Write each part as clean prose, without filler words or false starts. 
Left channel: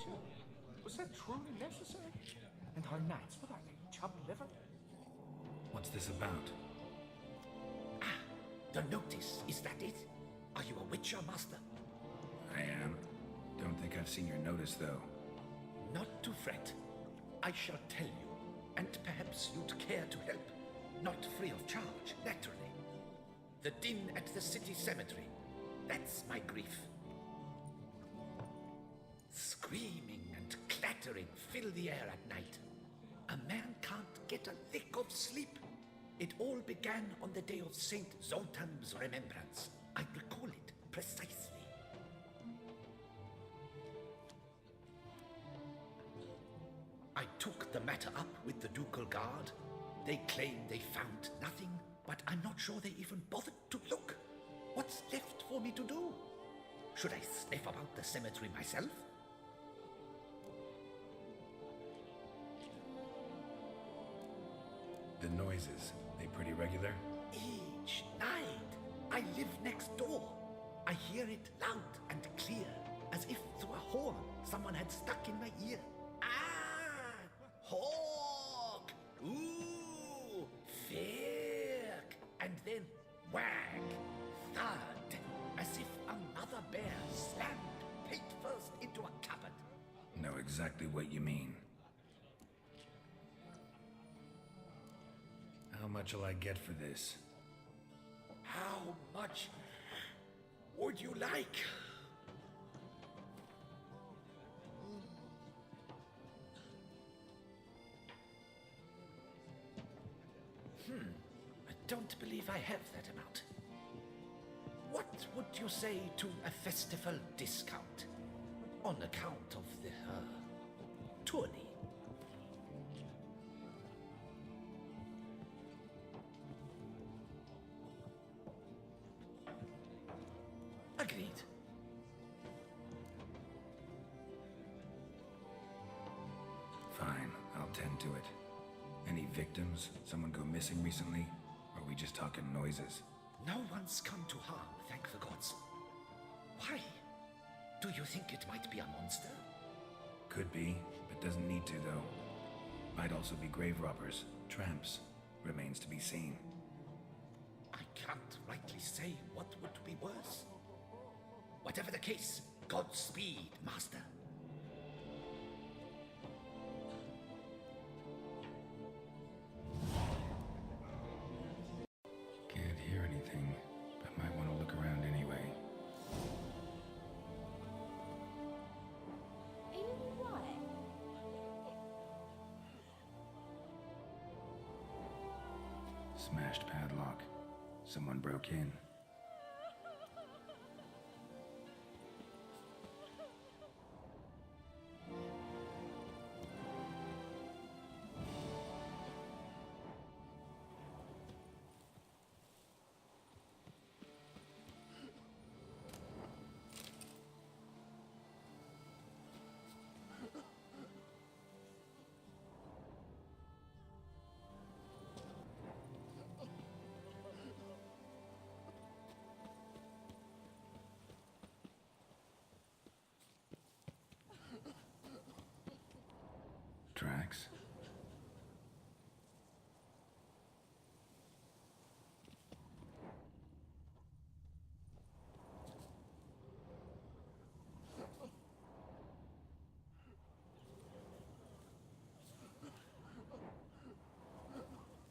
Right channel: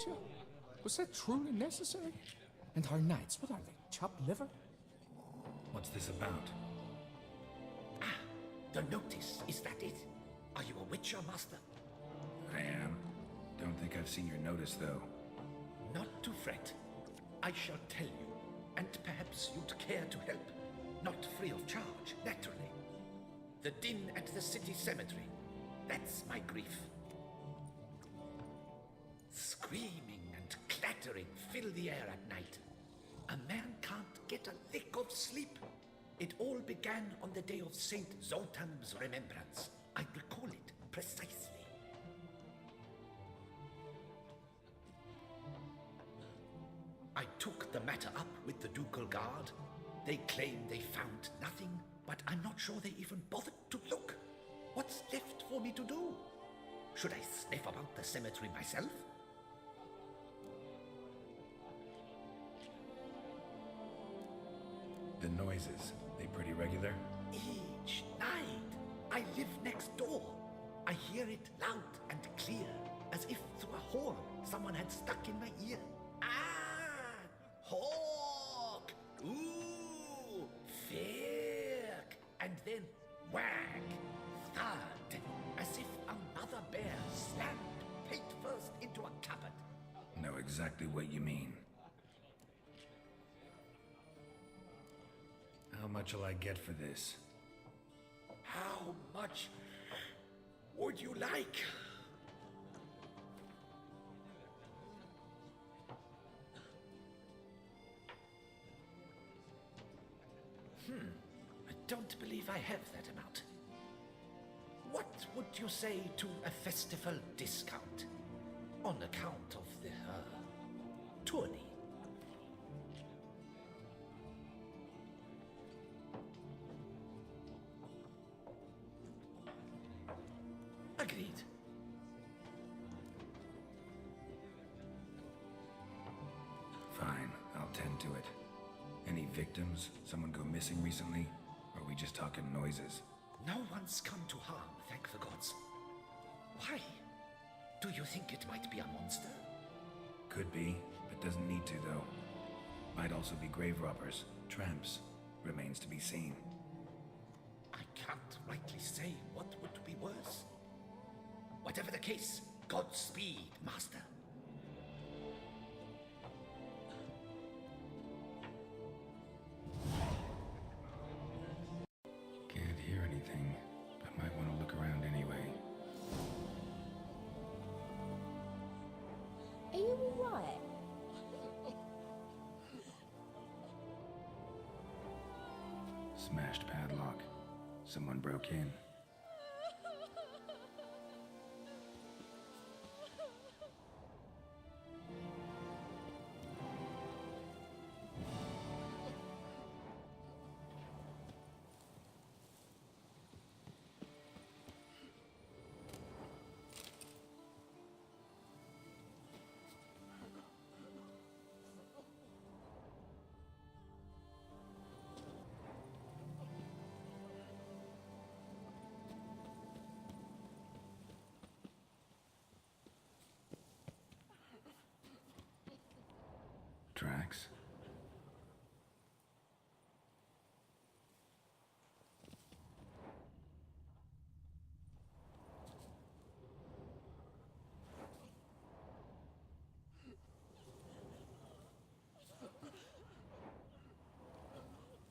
torture? Was that truly necessary? And our knights, what are they, chopped liver? What's this about? Ah, the notice, is that it? Are you a witcher, master? I am. Don't think I've seen your notice, though. Not to fret. I shall tell you, and perhaps you'd care to help. Not free of charge, naturally. The din at the city cemetery. That's my grief. Screaming and clattering fill the air at night. A man can't get a lick of sleep. It all began on the day of Saint Zoltan's remembrance. I recall it precisely. I took the matter up with the ducal guard. They claim they found nothing, but I'm not sure they even bothered to look. What's left for me to do? Should I sniff about the cemetery myself? The noises, they pretty regular? Each night. I live next door. I hear it loud and clear, as if through a horn someone had stuck in my ear. Ah! Hawk! Ooh! Firk! And then whack! Thud! As if another bear slammed pate first into a cupboard. Know exactly what you mean. How much will I get for this? How much would you like? I don't believe I have that amount. What would you say to a festival discount? On account of the, tourney? Agreed. Fine, I'll tend to it. Any victims? Someone go missing recently? Or are we just talking noises? No one's come to harm, thank the gods. Why? Do you think it might be a monster? Could be, but doesn't need to, though. Might also be grave robbers, tramps. Remains to be seen. I can't rightly say what would be worse. Whatever the case, Godspeed, master. Can't hear anything, but might want to look around anyway. Are you alright? Smashed padlock. Someone broke in. Tracks?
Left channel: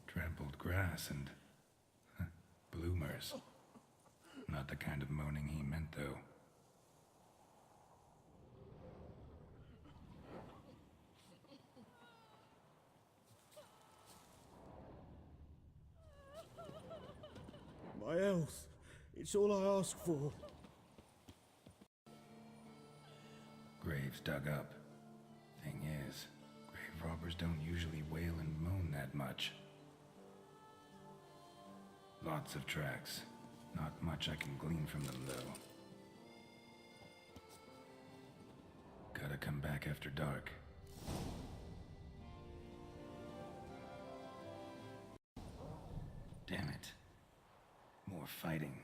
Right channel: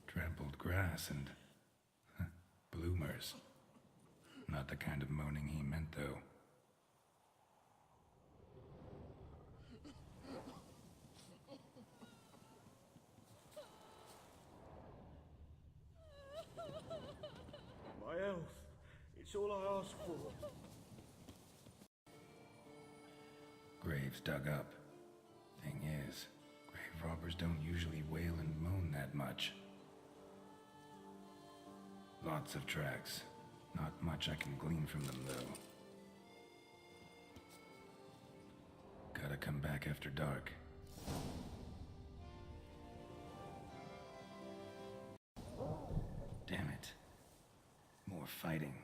Trampled grass and bloomers. Not the kind of moaning he meant, though. My health. It's all I ask for. Graves dug up. Thing is, grave robbers don't usually wail and moan that much. Lots of tracks. Not much I can glean from them, though. Gotta come back after dark. Damn it. More fighting.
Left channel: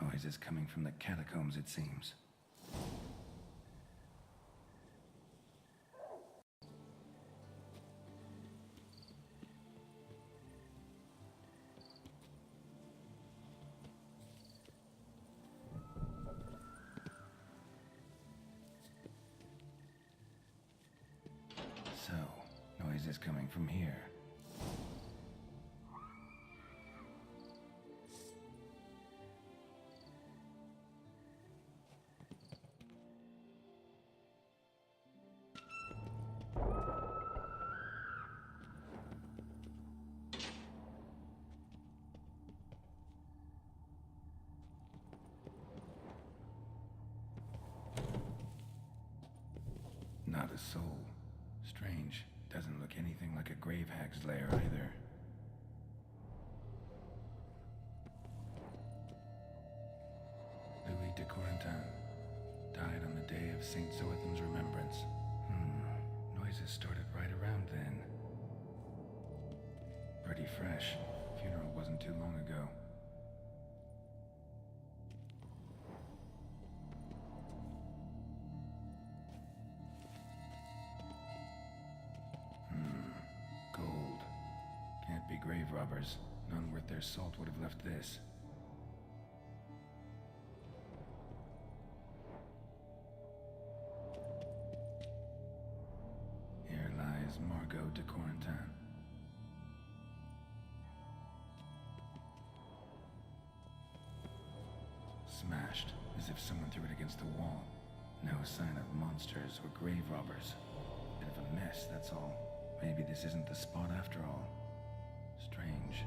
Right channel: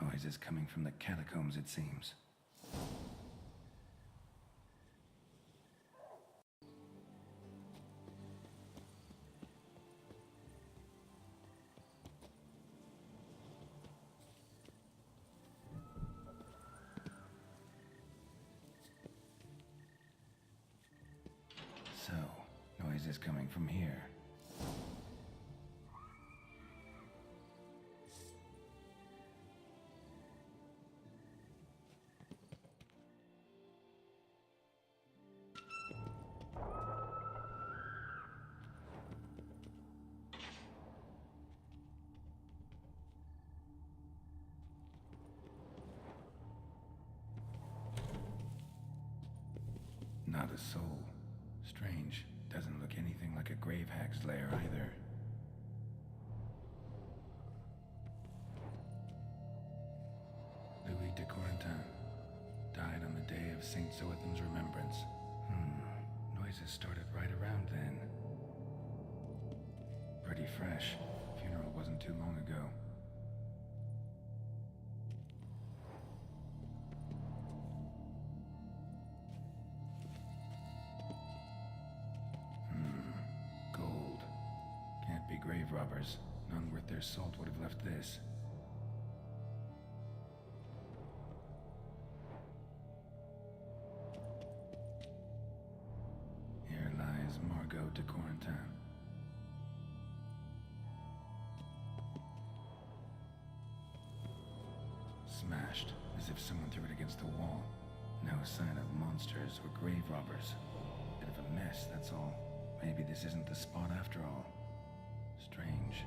Noises coming from the catacombs, it seems. noises coming from here. Not a soul. Strange. Doesn't look anything like a grave hag's lair either. Louis de Corentin died on the day of Saint Zoetham's remembrance. Noises started right around then. Pretty fresh. Funeral wasn't too long ago. Gold. Can't be grave robbers. None worth their salt would have left this. Here lies Margot de Corentin. Smashed, as if someone threw it against the wall. No sign of monsters or grave robbers. Bit of a mess, that's all. Maybe this isn't the spot after all. Strange.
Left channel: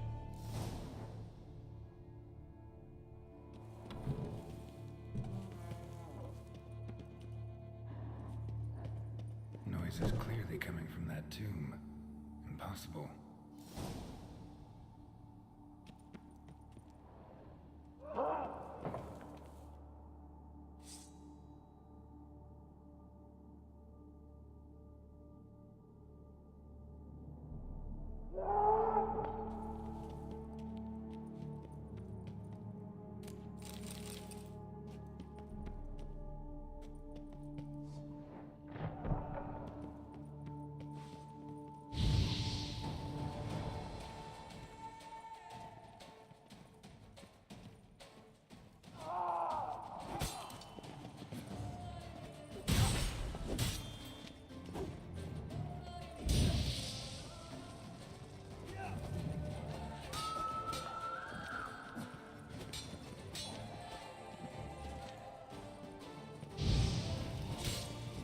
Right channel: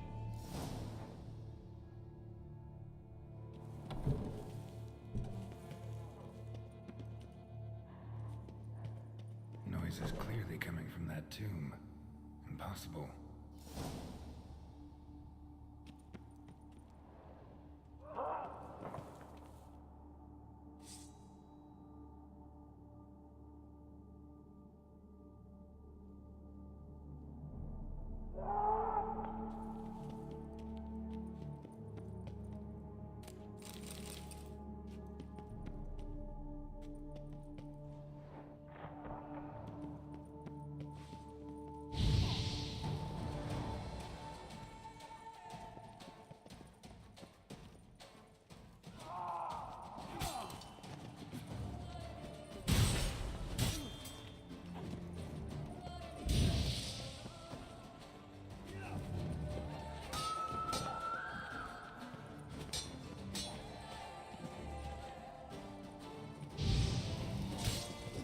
Noise is clearly coming from that tomb. Impossible.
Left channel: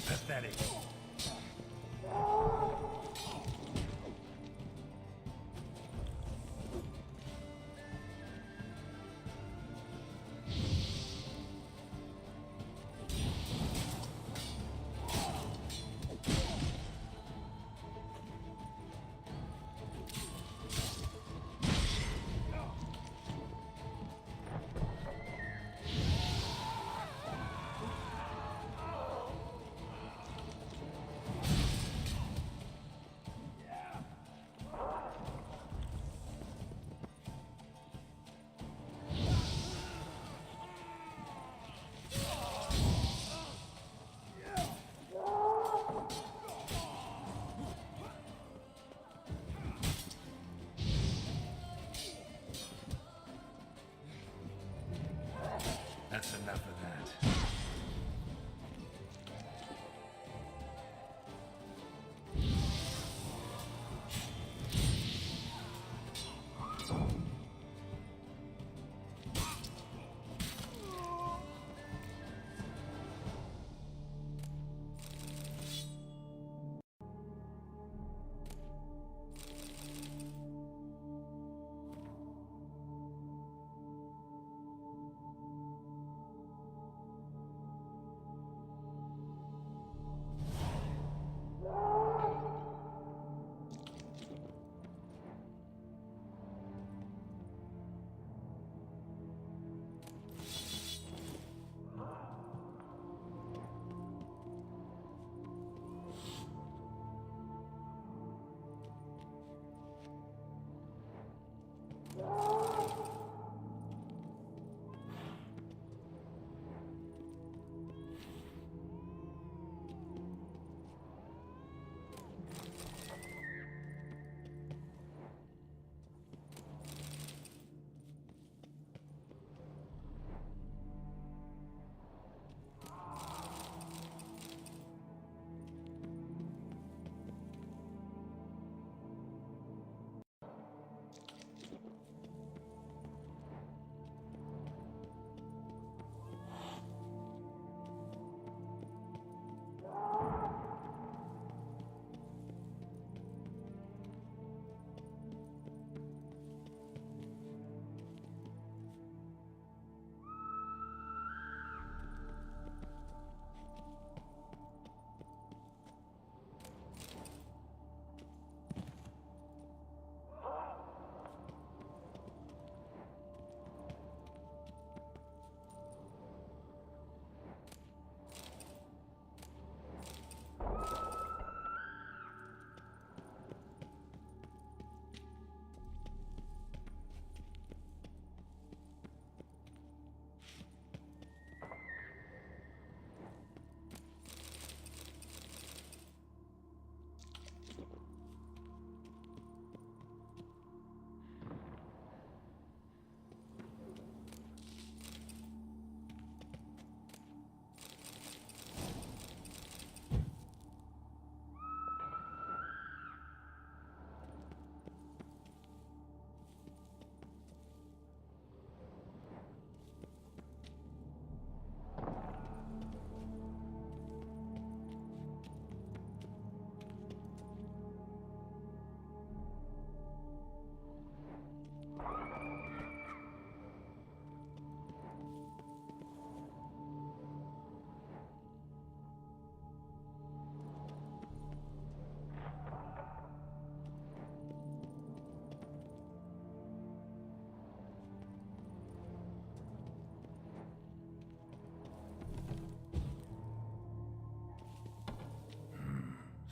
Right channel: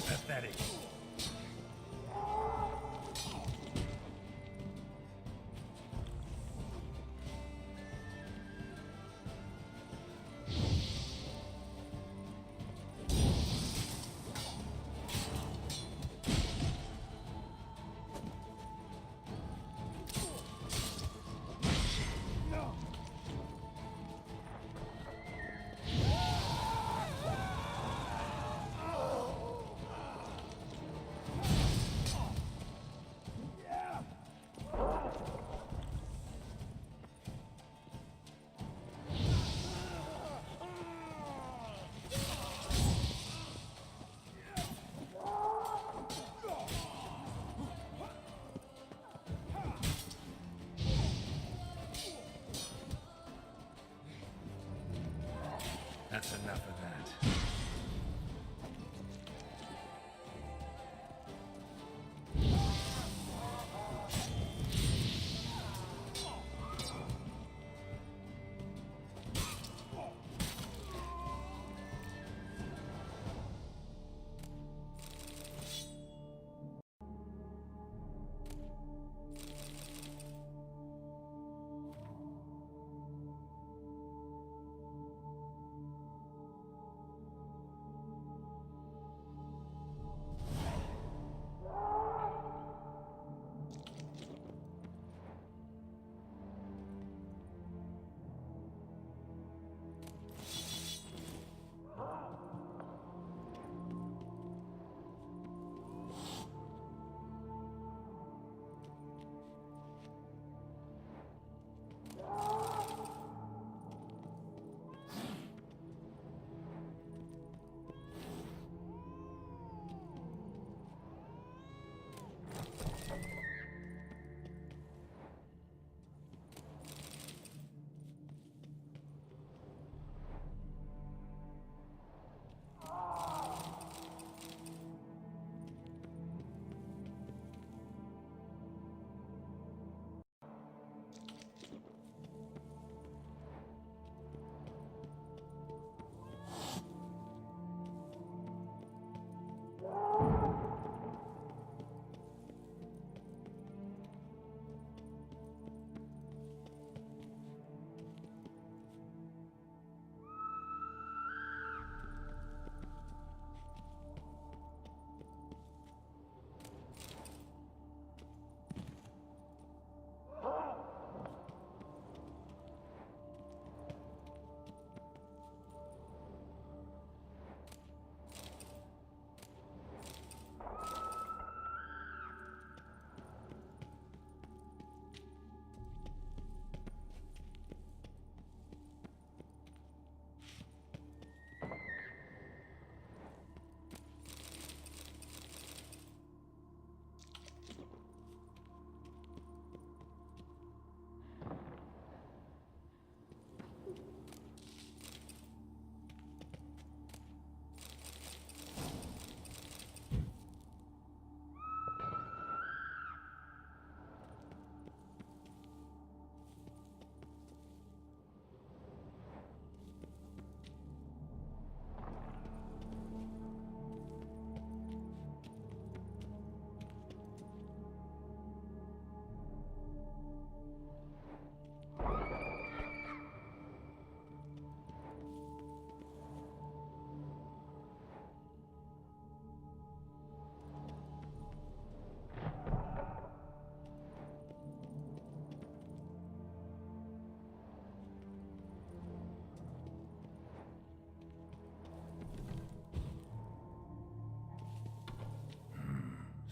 Pathetic. That's enough of that.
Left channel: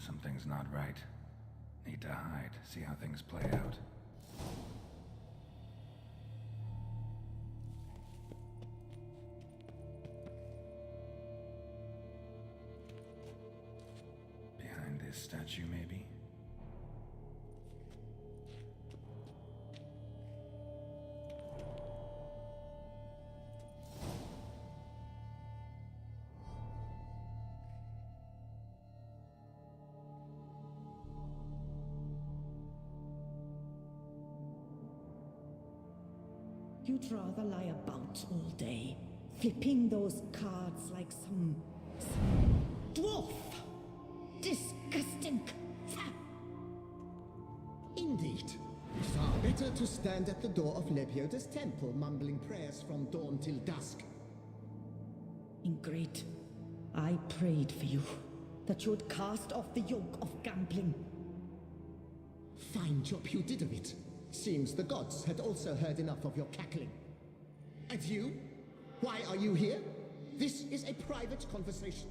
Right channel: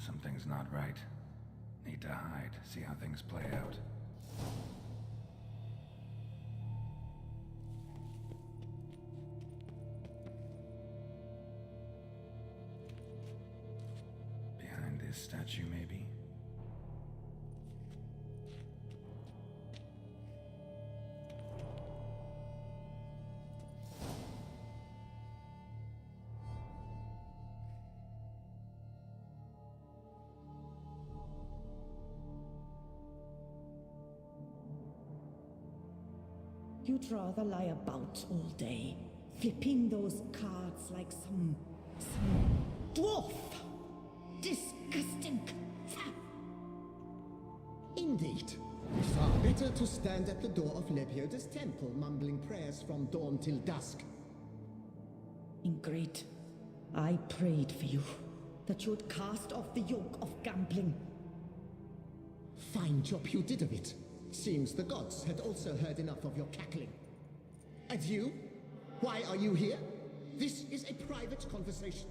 Something's not right. Need to hide, see how things play out. Behind this statue, maybe? You'd rather lie about all day, flipping those cards like some dwarf. Disgusting. Indeed. Far better to stand at the door of Lebioda's temple, mumbling prayers from dawn till dusk. Ingrid, I prayed for you, that you would cast off the yoke of gambling. Fine job you did of it. Seems the gods had also heard enough of your cackling. And you? Why are you here? This is a private conversation.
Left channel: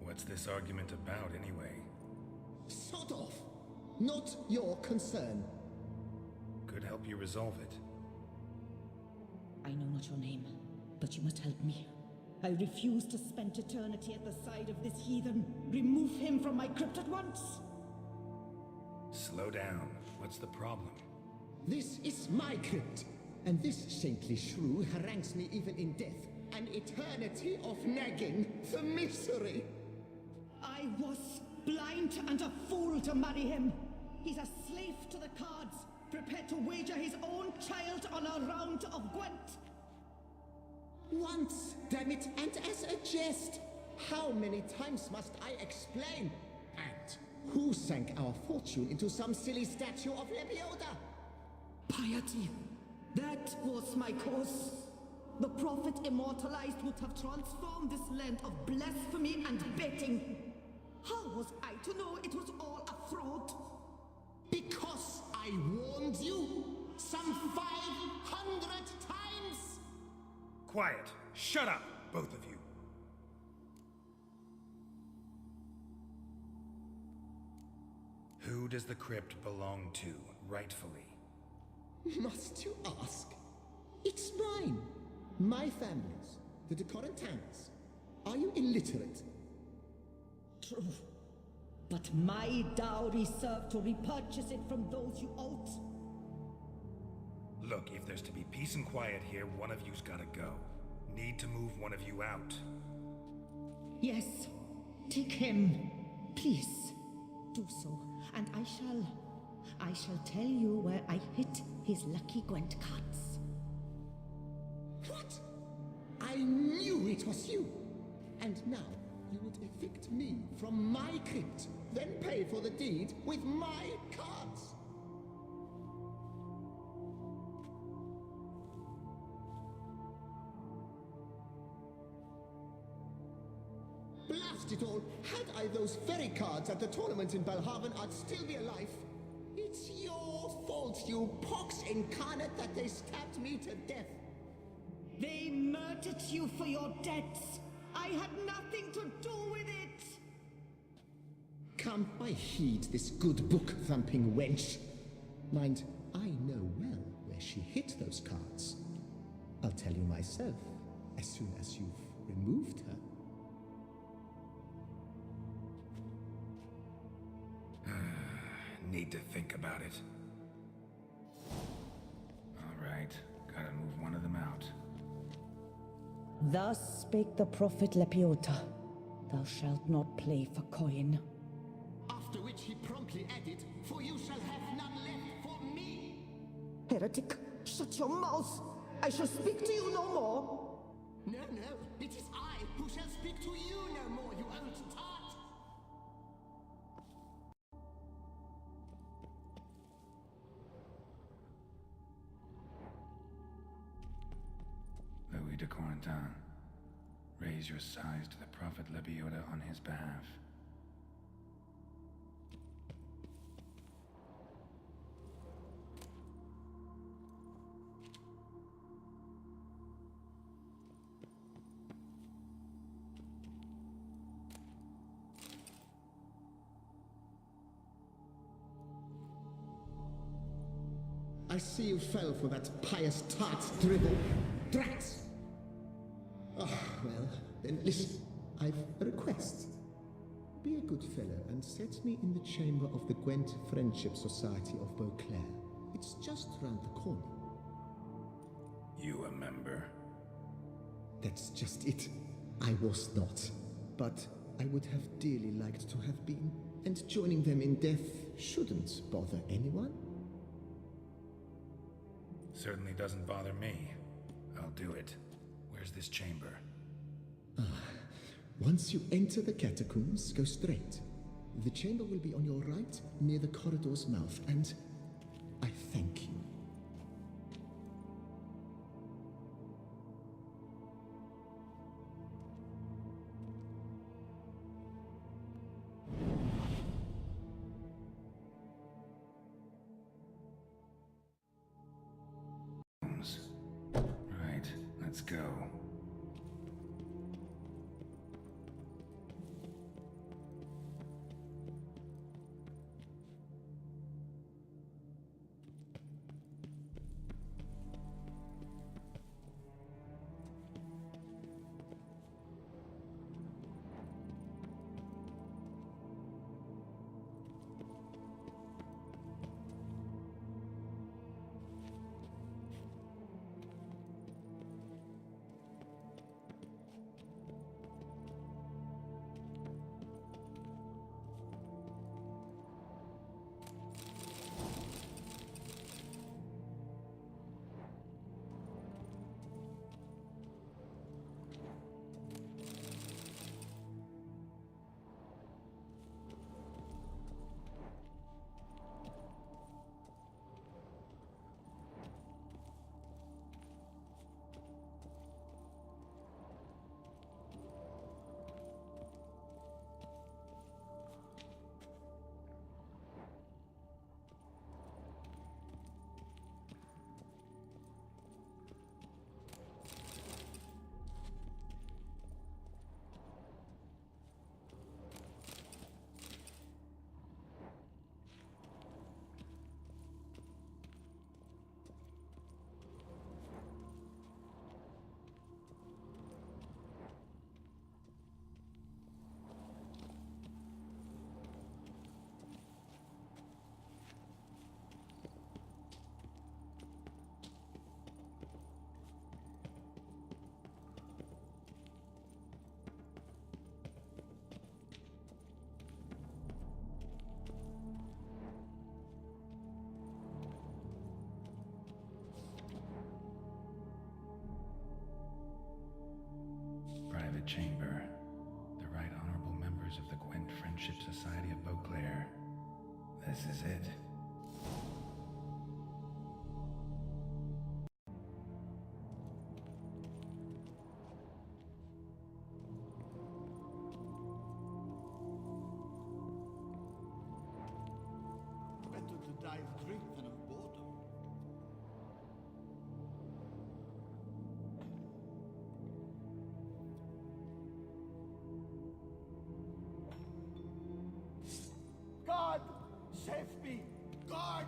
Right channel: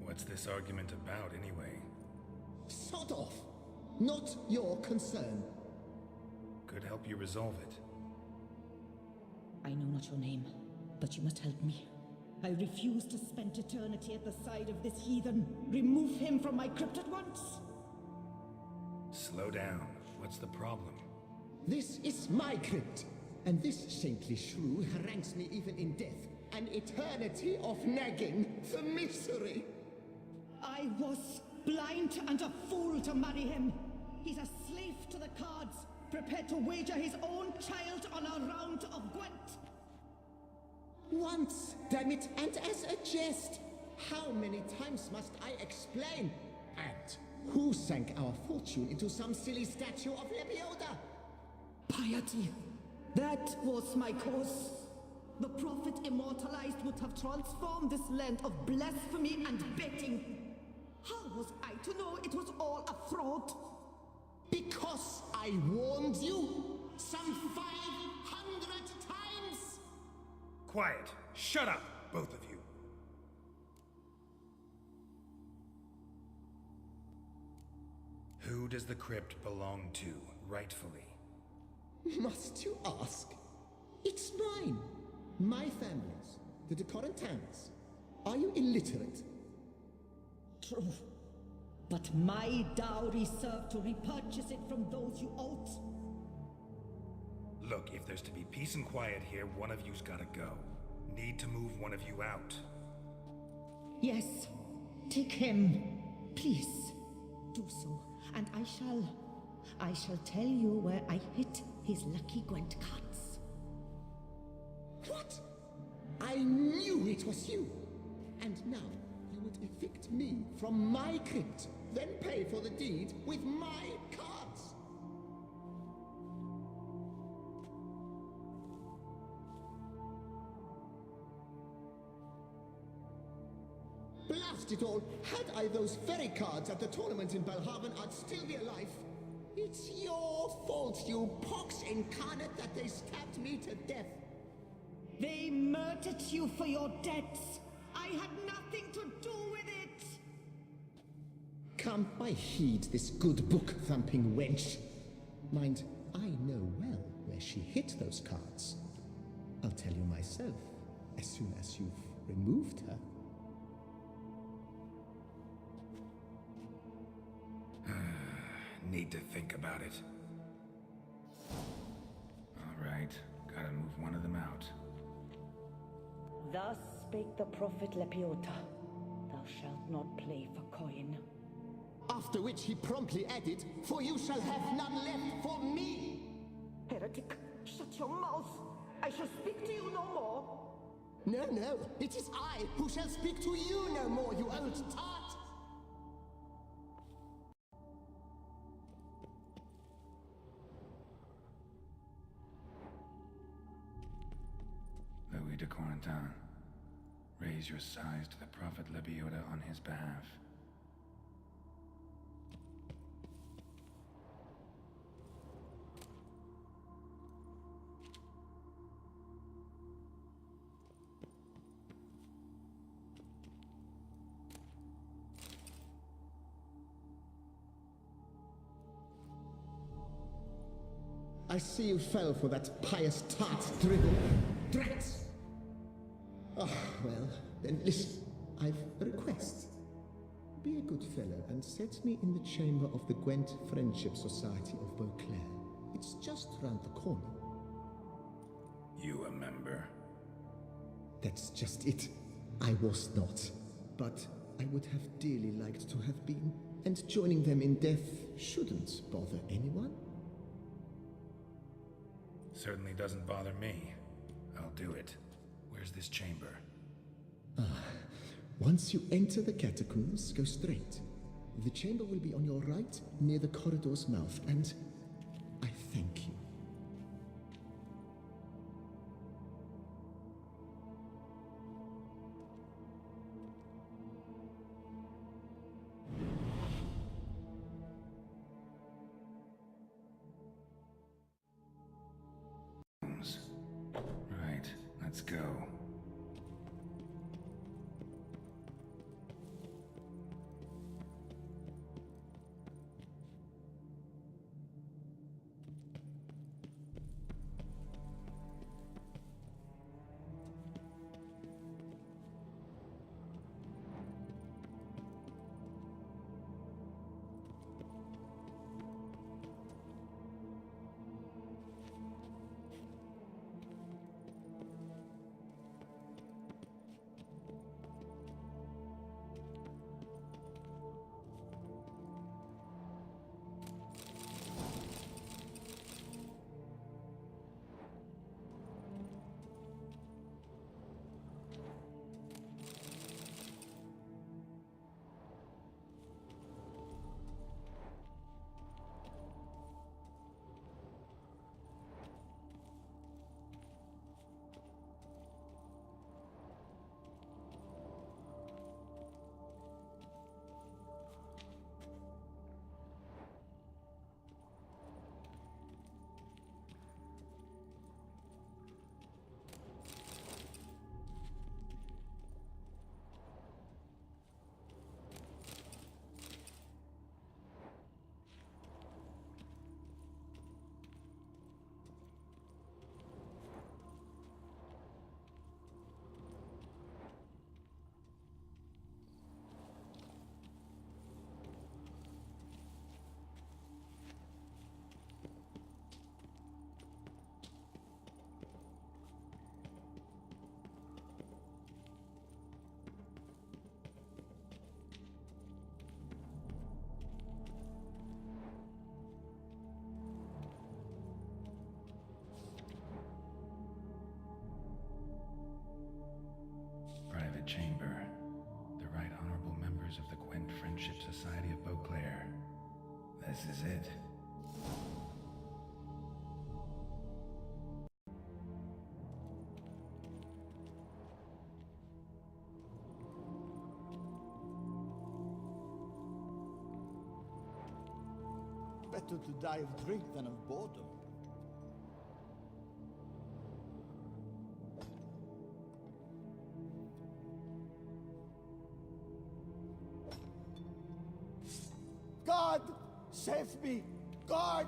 What's this argument about, anyway? Sod off. Not your concern. Could help you resolve it. I know not your name, but you must help me. I refuse to spend eternity at the side of this heathen. Remove him from my crypt at once! Slow down. What's the problem? This is my crypt, and this saintly shrew harangues me even in death. An eternity of nagging, the misery. I was blind and a fool to marry him. He's a slave to the cards, prepared to wager his own child on a round of Gwent. Once, damn it, and as a jest. How many times must I explain? And who sank our fortune into some silly statue of Lebioda? Piety. That was my cause. The prophet immortalized would have transformed this land of blasphemy and betting. How was I to know it was all a fraud? Because I warned you some 500 times! Quiet! Shut up, both of you! Who does the crypt belong to, rightfully? Must you ask? It's mine. My family's. The de Corentans. Are you illiterate? True. But my dowry served to repurchase it from those you owed. Look, if there's to be peace and quiet here, one of you's gotta go. Need to move one of you out. Yes. Take him. Please. Do so. And I shall tell you where I hid his lucky Gwent cards. What? I knew it was you. And now you would evict me from my crypt, then pay for the deed with my cards. Blast it all! Had I those very cards at the tournament in Belhaven, I'd still be alive. It's your fault, you pox incarnate, that they stabbed me to death. They murdered you for your debts. I had nothing to do with it. Come, I heed this good book-thumping wench. Mind, I know well where she hid those cards. I'll tell you myself, as soon as you've removed her. Need to think about it. All right, gotta move one of them out. Thus spake the prophet Lepiota. Thou shalt not play for coin. After which he promptly added, "For you shall have none left for me." Heretic, shut your mouth. I shall speak to you no more. No, no, it is I who shall speak to you no more, you old tart. Louis de Corentin, raise your sighs to the prophet Lebioda on his behalf. I see you fell for that pious tart's dribble. Drats! Ah, well, then listen. I've a request. Be a good fellow and set me in the chamber of the Gwent Friendship Society of Beauclair. It's just round the corner. You a member? That's just it. I was not. But I would have dearly liked to have been. And joining them in death shouldn't bother anyone. Certainly doesn't bother me. I'll do it. Where's this chamber? Once you enter the catacombs, go straight. The chamber will be on your right, near the corridor's mouth, and I thank you. Right, let's go. Private chamber. The Right Honorable members of the Gwent Friendship Society of Beauclair. This is it. Better to die of drink than of boredom. God! Save me! God!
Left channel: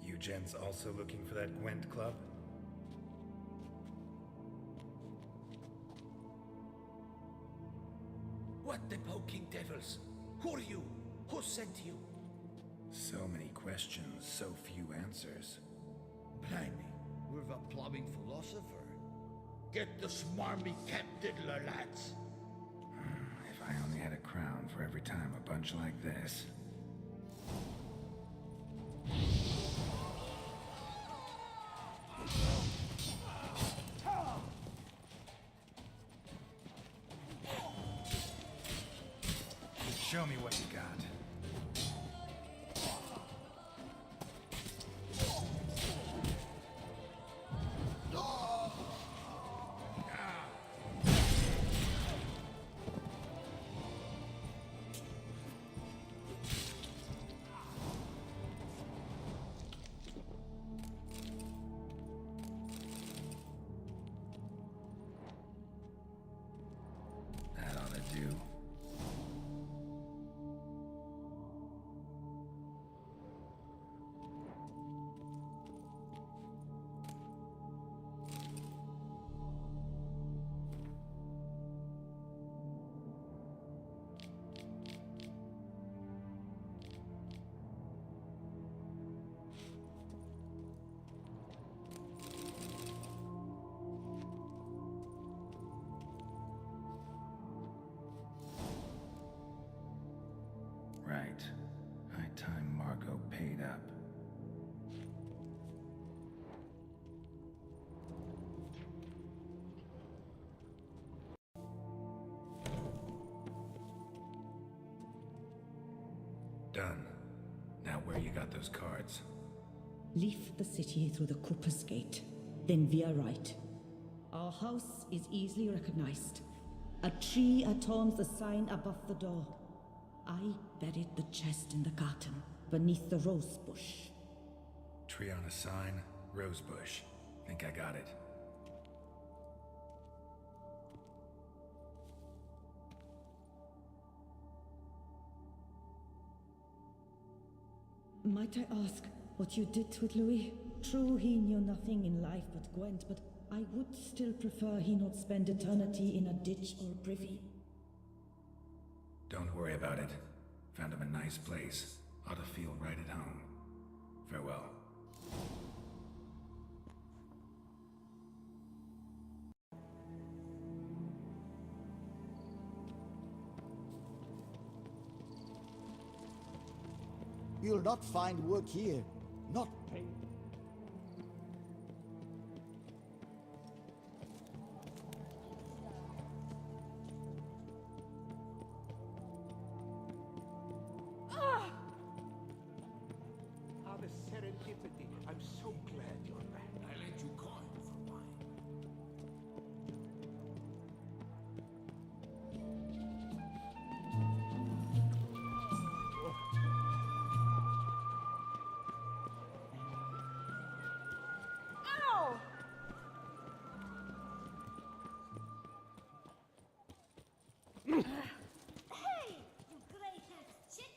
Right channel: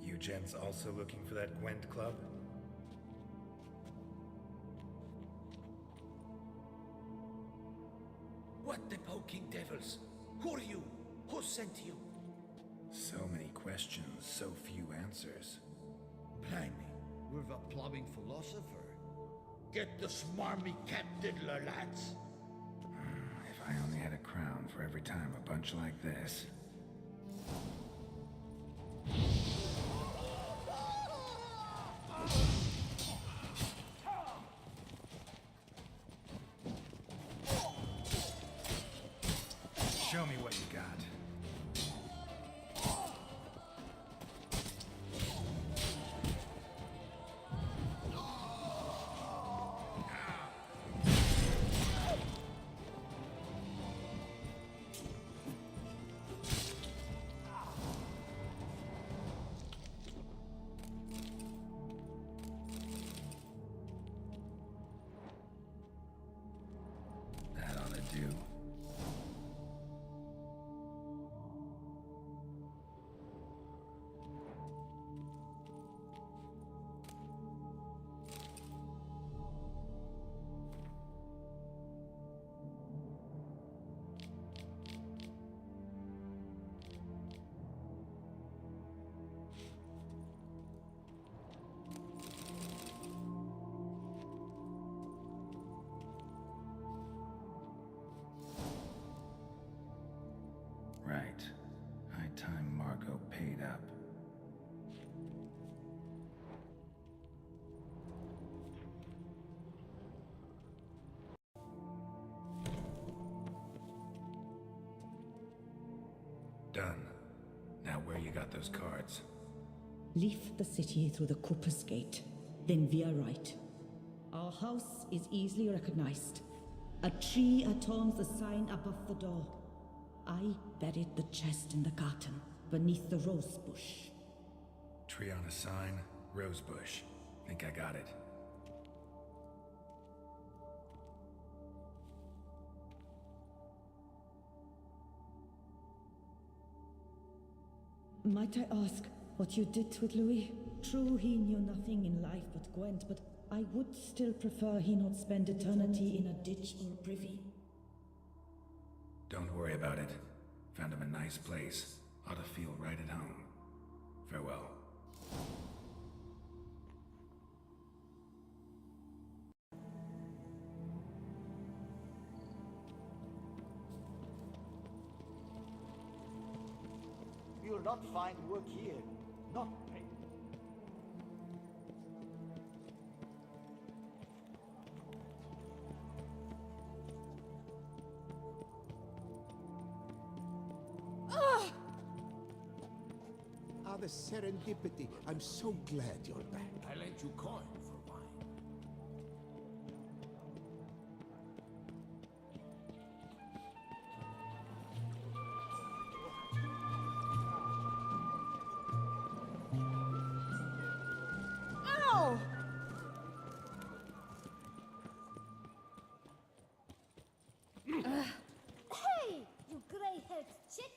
You gents also looking for that Gwent club? What the poking devils? Who are you? Who sent you? So many questions, so few answers. Blimey, we're the plumbing philosopher. Get the smarmy cat diddler, lads. If I only had a crown for every time a bunch like this. Show me what you got. do. Right. High time Margot paid up. Done. Now where you got those cards? Leave the city through the Cooper's Gate, then veer right. Our house is easily recognized. A tree adorns the sign above the door. I buried the chest in the garden, beneath the rose bush. Tree on a sign, rose bush. Think I got it. Might I ask what you did with Louis? True, he knew nothing in life but Gwent, but I would still prefer he not spend eternity in a ditch or privy. Don't worry about it. Found him a nice place. Ought to feel right at home. Farewell. You'll not find work here. Not pay. The serendipity. I'm so glad you're back. I lent you coin for wine. Hey, you grey-haired chit!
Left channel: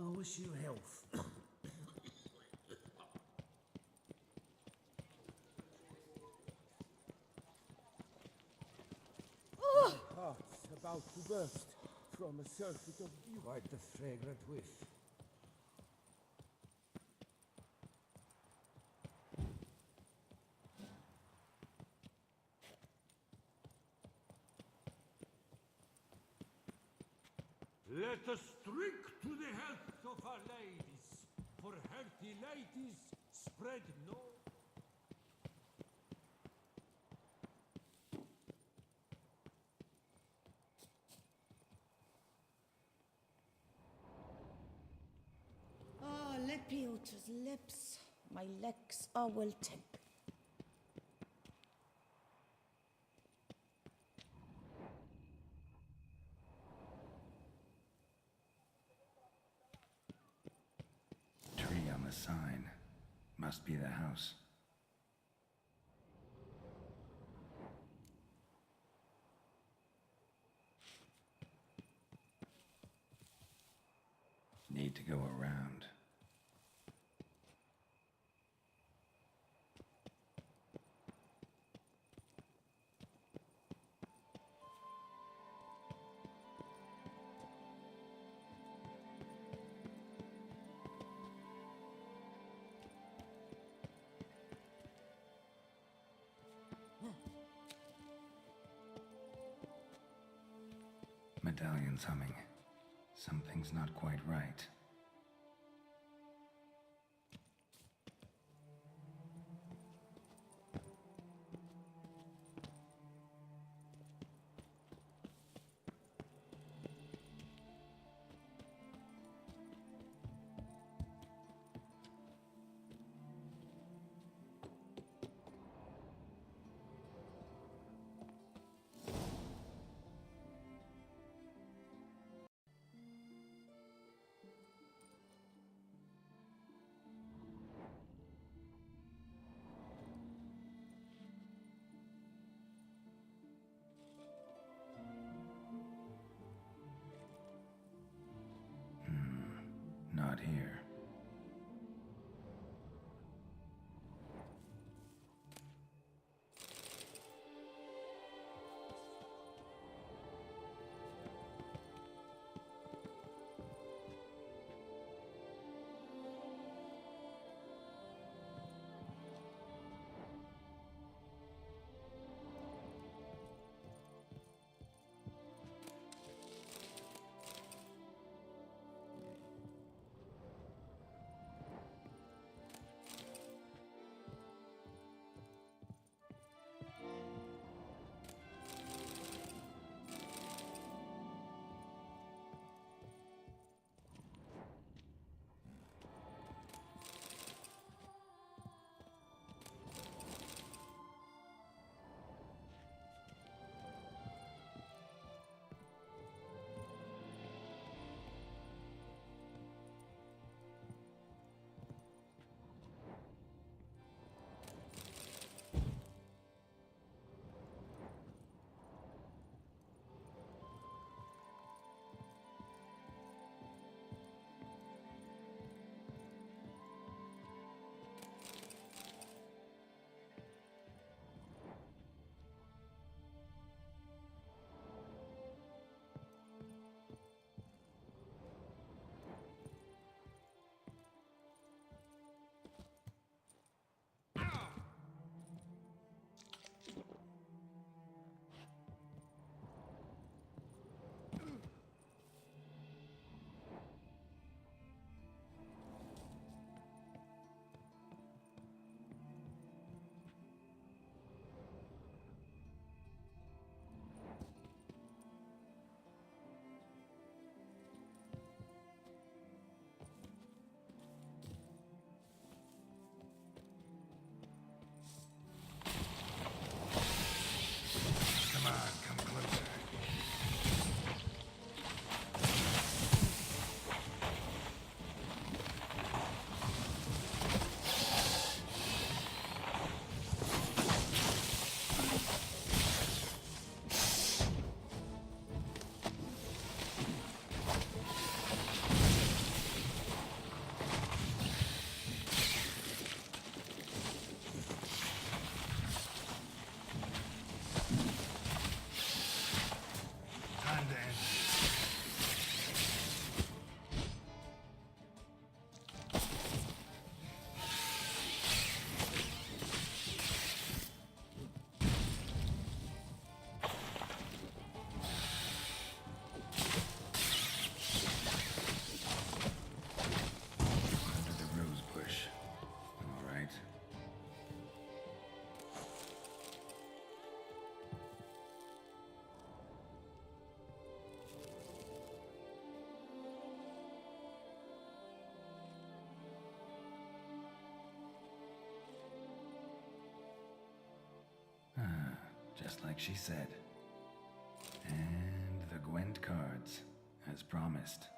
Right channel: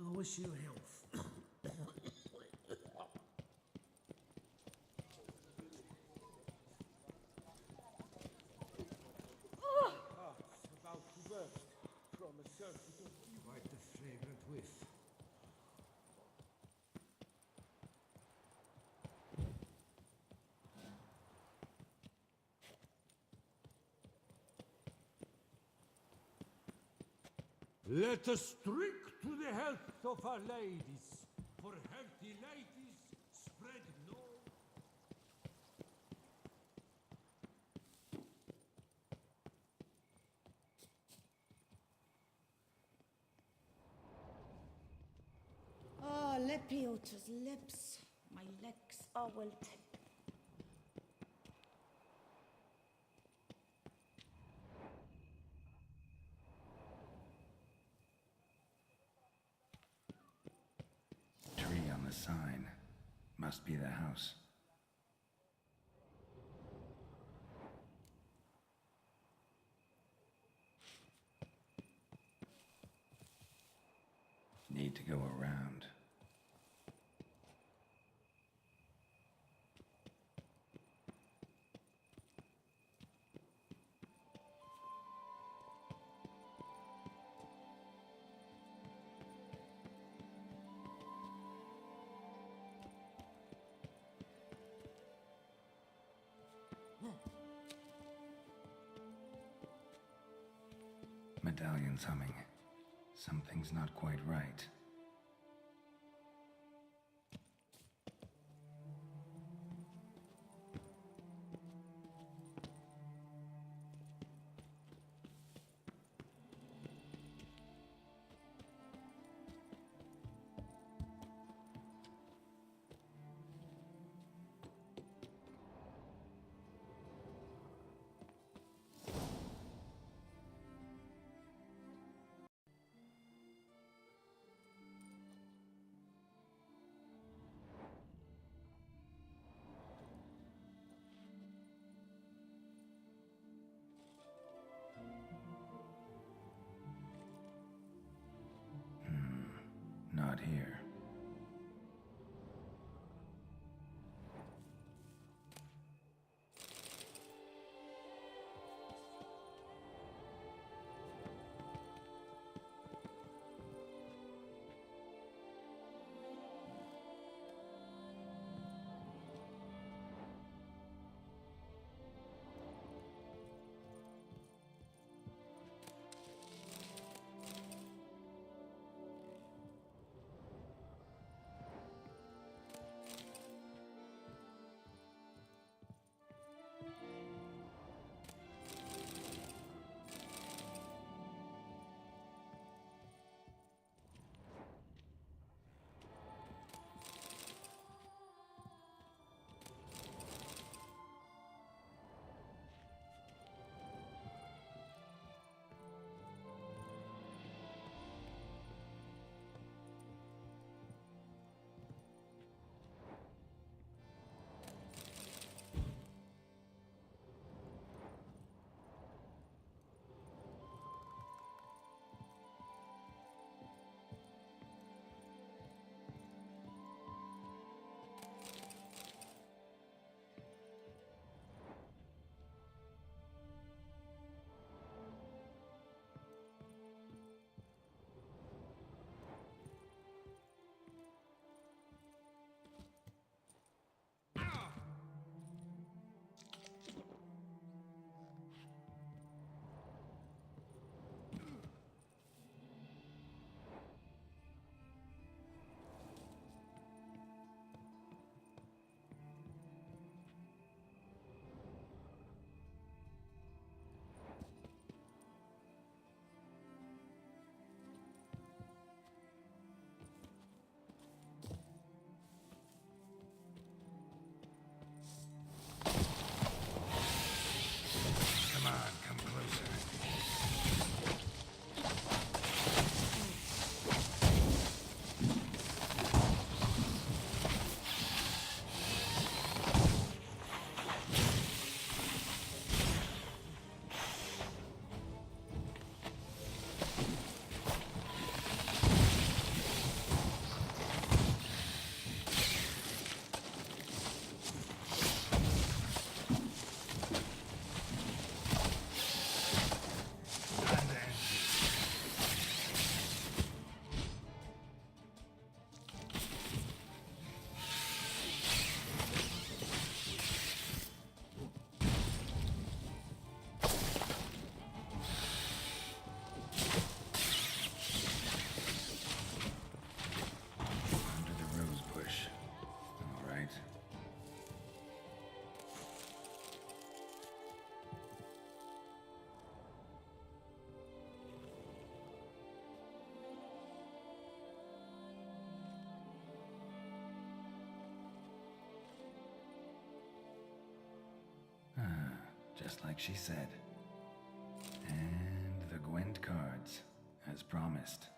I wish you health. Heart's about to burst from a surfeit of beauty. Quite the fragrant whiff. Let us drink to the health of our ladies, for healthy ladies spread no. Ah, Lepiota's lips. My legs are wilting. Tree on the sign. Must be the house. Need to go around. Medallion's humming. Something's not quite right. here. Come on, come closer. Time to end under the rose bush. All right. Just like she said. And the Gwent cards, as promised.